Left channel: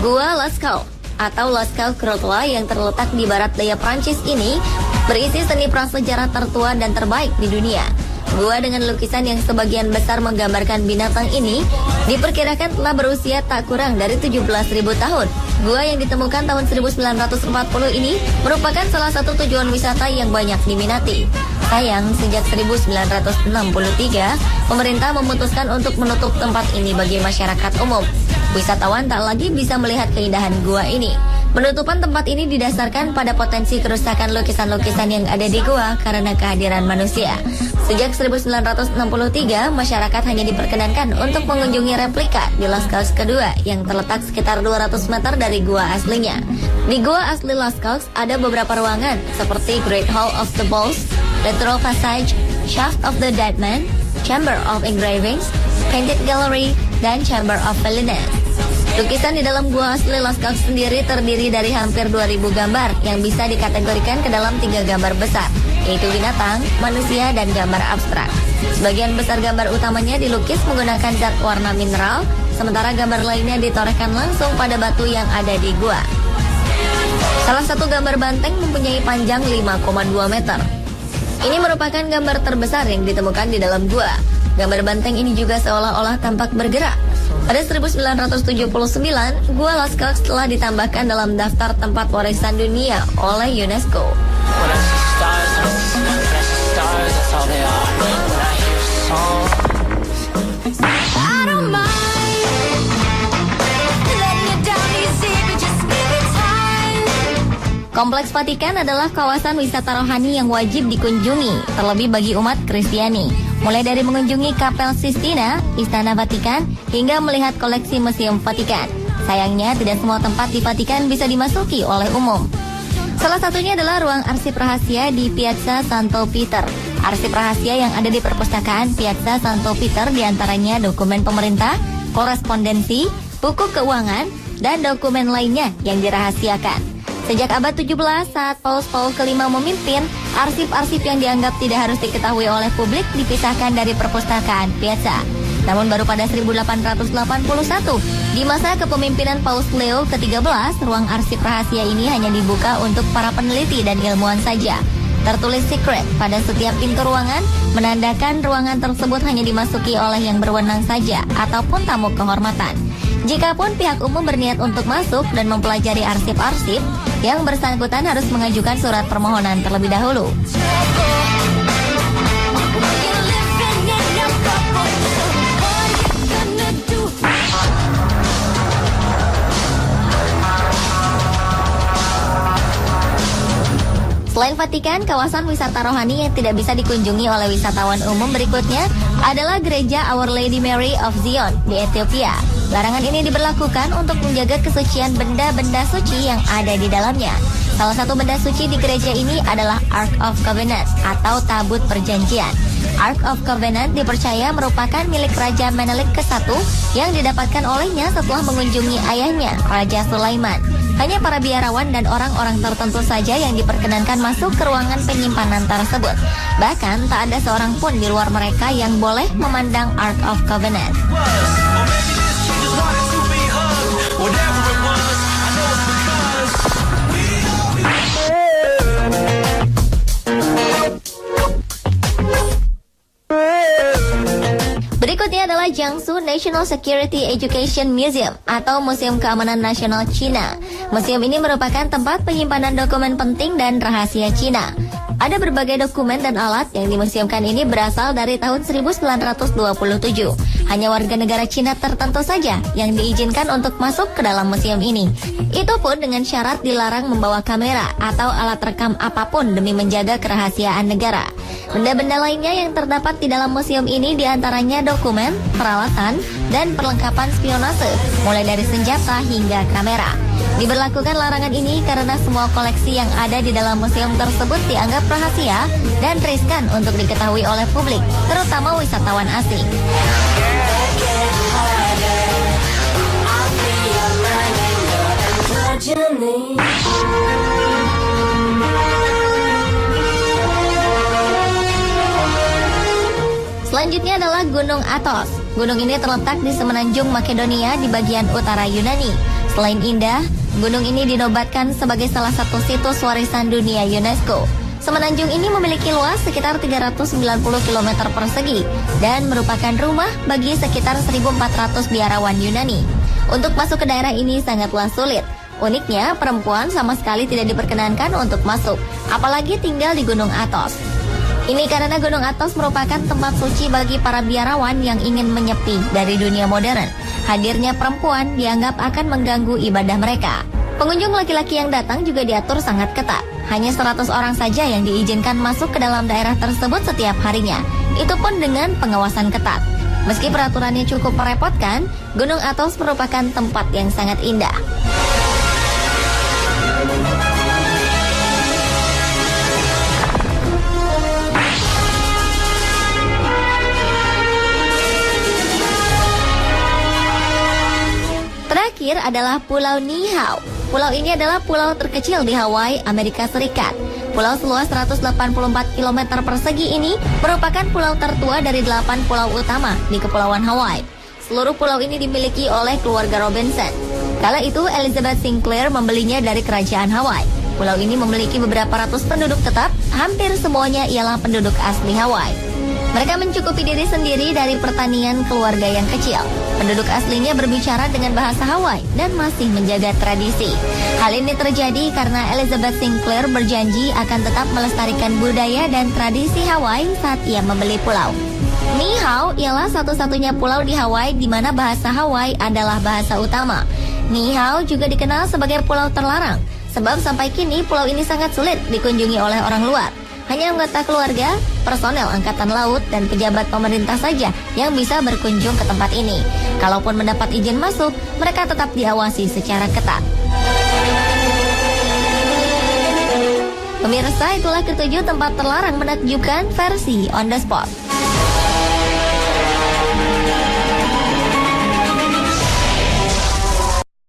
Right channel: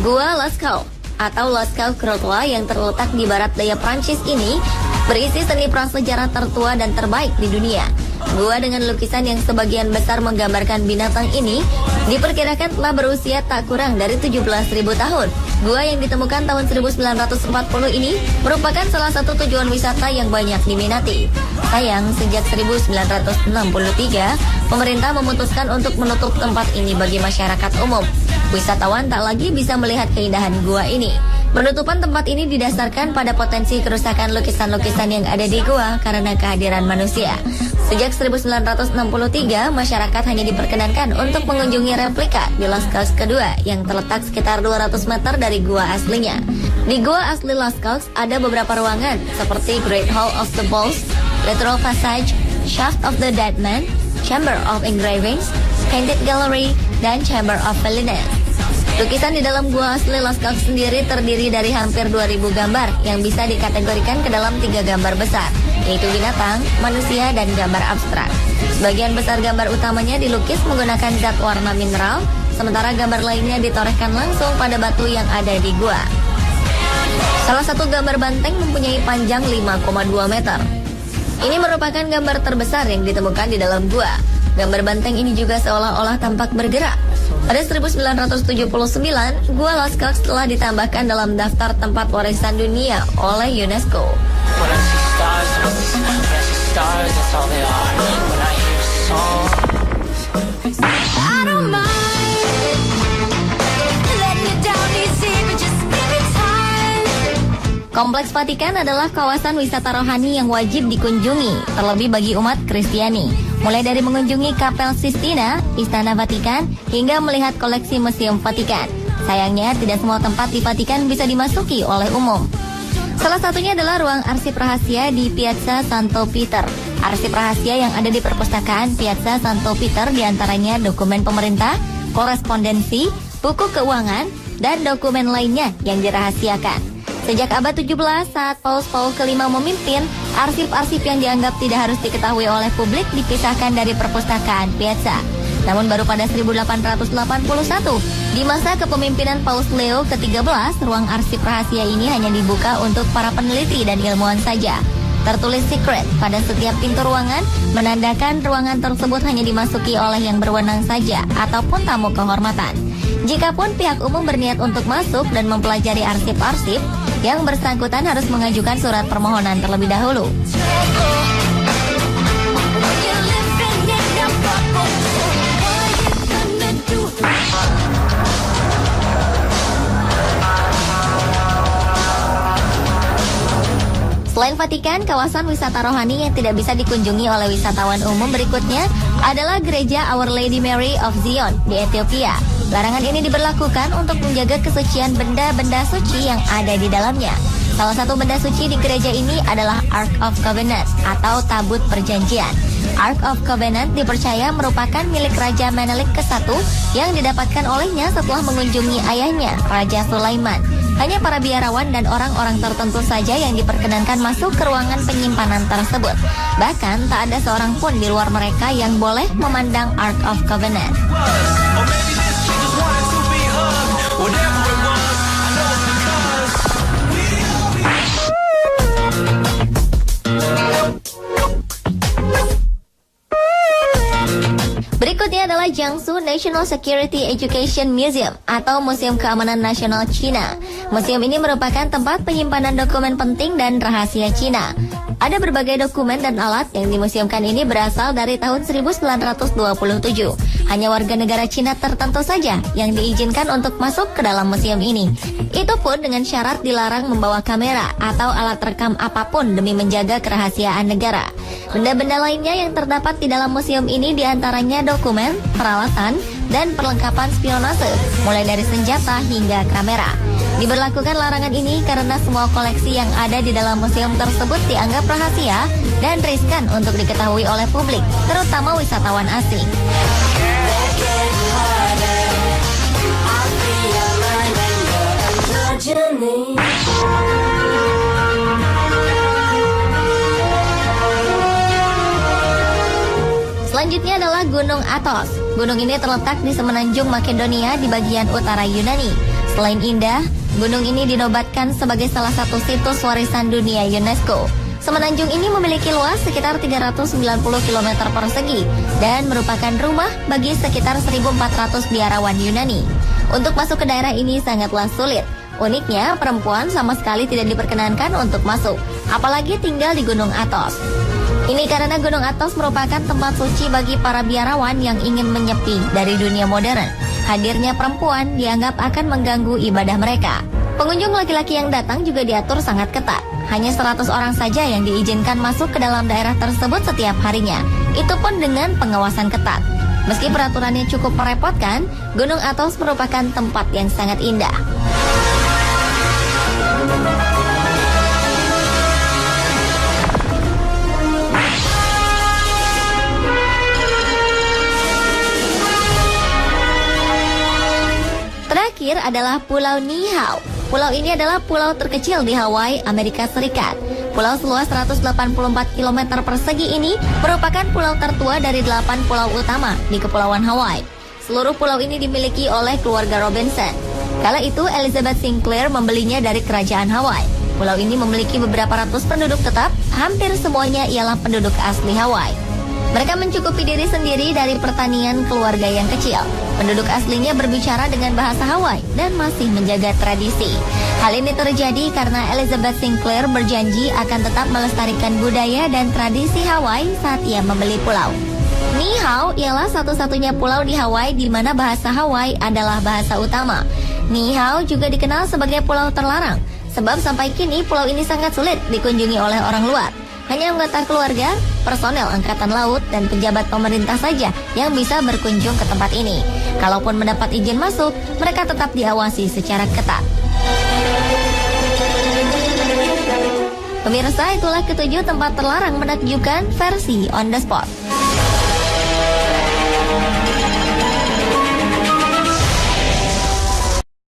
Gua Lascaux atau Lascaux Crottois yang terletak di barat daya Prancis ini berisi seni prasejarah tertua dan terbaik di dunia. Gua dengan lukisan yang sebagian besar menggambarkan binatang ini diperkirakan telah berusia tak kurang dari 17.000 tahun. Gua yang ditemukan tahun 1940 ini merupakan salah satu tujuan wisata yang banyak diminati. Sayang, sejak 1963, pemerintah memutuskan untuk menutup tempat ini bagi masyarakat umum. Wisatawan tak lagi bisa melihat keindahan gua ini. Penutupan tempat ini didasarkan pada potensi kerusakan lukisan-lukisan yang ada di gua karena kehadiran manusia. Sejak 1963, masyarakat hanya diperkenankan untuk mengunjungi replika di Lascaux kedua yang terletak sekitar 200 meter dari gua aslinya. Di gua asli Lascaux ada beberapa ruangan seperti Great Hall of the Bulls, Retro Passage, Shaft of the Dead Man, Chamber of Engravings, Painted Gallery, dan Chamber of Villainies. Lukisan di dalam gua asli Lascaux sendiri terdiri dari hampir 2.000 gambar yang bisa dikategorikan ke dalam 3 gambar besar, yaitu binatang, manusia, dan gambar abstrak. Sebagian besar gambar utamanya dilukis menggunakan zat warna mineral, sementara gambar lainnya ditorehkan langsung pada batu yang ada di gua. Salah satu gambar banteng mempunyai panjang 5,2 meter. Ini merupakan gambar terbesar yang ditemukan di dalam gua. Gambar banteng ini juga seolah-olah tampak bergerak. Pada 1979, Gua Lascaux telah ditambahkan dalam daftar tempat warisan dunia oleh UNESCO. Kompleks Vatikan adalah kawasan wisata rohani yang wajib dikunjungi, terlebih bagi umat Kristiani. Mulai dari mengunjungi Kapel Sistina, Istana Vatikan, hingga melihat koleksi Museum Vatikan. Sayangnya, tidak semua tempat di Vatikan bisa dimasuki oleh umum. Salah satunya adalah ruang arsip rahasia di Piazza Santo Peter. Arsip rahasia yang ada di perpustakaan Piazza Santo Peter diantaranya dokumen pemerintah, korespondensi, buku keuangan, dan dokumen lainnya yang dirahasiakan. Sejak abad 17 saat Paus kelima memimpin, arsip-arsip yang dianggap tidak harus diketahui oleh publik dipisahkan dari perpustakaan Piazza. Namun baru pada 1881, di masa kepemimpinan Paus Leo ke-13, ruang arsip rahasia ini hanya dibuka untuk para peneliti dan ilmuwan saja. Tertulis secret pada setiap pintu ruangan, menandakan ruangan tersebut hanya dimasuki oleh yang berwenang saja ataupun tamu kehormatan. Jikapun pihak umum berniat untuk masuk dan mempelajari arsip-arsip, yang bersangkutan harus mengajukan surat permohonan terlebih dahulu. Selain Vatikan, kawasan wisata rohani yang tidak bisa dikunjungi oleh wisatawan umum berikutnya adalah Gereja Our Lady Mary of Zion di Ethiopia. Larangan ini diberlakukan untuk menjaga kesucian benda-benda suci yang ada di dalamnya. Salah satu benda suci di gereja ini adalah Ark of Covenant atau Tabut Perjanjian. Ark of Covenant dipercaya merupakan milik Raja Menelik ke-1 yang didapatkan olehnya setelah mengunjungi ayahnya, Raja Sulaiman. Hanya para biarawan dan orang-orang tertentu saja yang diperkenankan masuk ke ruangan penyimpanan tersebut. Bahkan tak ada seorang pun di luar mereka yang boleh memandang Ark of Covenant. Berikutnya adalah Jiangsu National Security Education Museum atau Museum Keamanan Nasional Cina. Museum ini merupakan tempat penyimpanan dokumen penting dan rahasia Cina. Ada berbagai dokumen dan alat yang dimuseumkan ini berasal dari tahun 1927. Hanya warga negara Cina tertentu saja yang diizinkan untuk masuk ke dalam museum ini. Itu pun dengan syarat dilarang membawa kamera atau alat rekam apapun demi menjaga kerahasiaan negara. Benda-benda lainnya yang terdapat di dalam museum ini diantaranya dokumen, peralatan, dan perlengkapan spionase, mulai dari senjata hingga kamera. Diberlakukan larangan ini karena semua koleksi yang ada di dalam museum tersebut dianggap rahasia dan riskan untuk diketahui oleh publik, terutama wisatawan asing. Selanjutnya adalah Gunung Athos. Gunung ini terletak di semenanjung Makedonia di bagian utara Yunani. Selain indah, gunung ini dinobatkan sebagai salah satu situs warisan dunia UNESCO. Semenanjung ini memiliki luas sekitar 390 km persegi dan merupakan rumah bagi sekitar 1.400 biarawan Yunani. Untuk masuk ke daerah ini sangatlah sulit. Uniknya, perempuan sama sekali tidak diperkenankan untuk masuk, apalagi tinggal di Gunung Athos. Ini karena Gunung Athos merupakan tempat suci bagi para biarawan yang ingin menyepi dari dunia modern. Hadirnya perempuan dianggap akan mengganggu ibadah mereka. Pengunjung laki-laki yang datang juga diatur sangat ketat. Hanya 100 orang saja yang diizinkan masuk ke dalam daerah tersebut setiap harinya. Itu pun dengan pengawasan ketat. Meski peraturannya cukup merepotkan, Gunung Athos merupakan tempat yang sangat indah. Terakhir adalah Pulau Niihau. Pulau ini adalah pulau terkecil di Hawaii, Amerika Serikat. Pulau seluas 184 km persegi ini merupakan pulau tertua dari 8 pulau utama di Kepulauan Hawaii. Seluruh pulau ini dimiliki oleh keluarga Robinson. Kala itu Elizabeth Sinclair membelinya dari kerajaan Hawaii. Pulau ini memiliki beberapa ratus penduduk tetap, hampir semuanya ialah penduduk asli Hawaii. Mereka mencukupi diri sendiri dari pertanian keluarga yang kecil. Penduduk aslinya berbicara dengan bahasa Hawaii dan masih menjaga tradisi. Hal ini terjadi karena Elizabeth Sinclair berjanji akan tetap melestarikan budaya dan tradisi Hawaii saat ia membeli pulau. Niihau ialah satu-satunya pulau di Hawaii di mana bahasa Hawaii adalah bahasa utama. Niihau juga dikenal sebagai pulau terlarang, sebab sampai kini pulau ini sangat sulit dikunjungi oleh orang luar. Hanya anggota keluarga, personel angkatan laut, dan pejabat pemerintah saja yang bisa berkunjung ke tempat ini. Kalaupun mendapat izin masuk, mereka tetap diawasi secara ketat. Pemirsa, itulah ketujuh tempat terlarang menakjubkan versi On The Spot.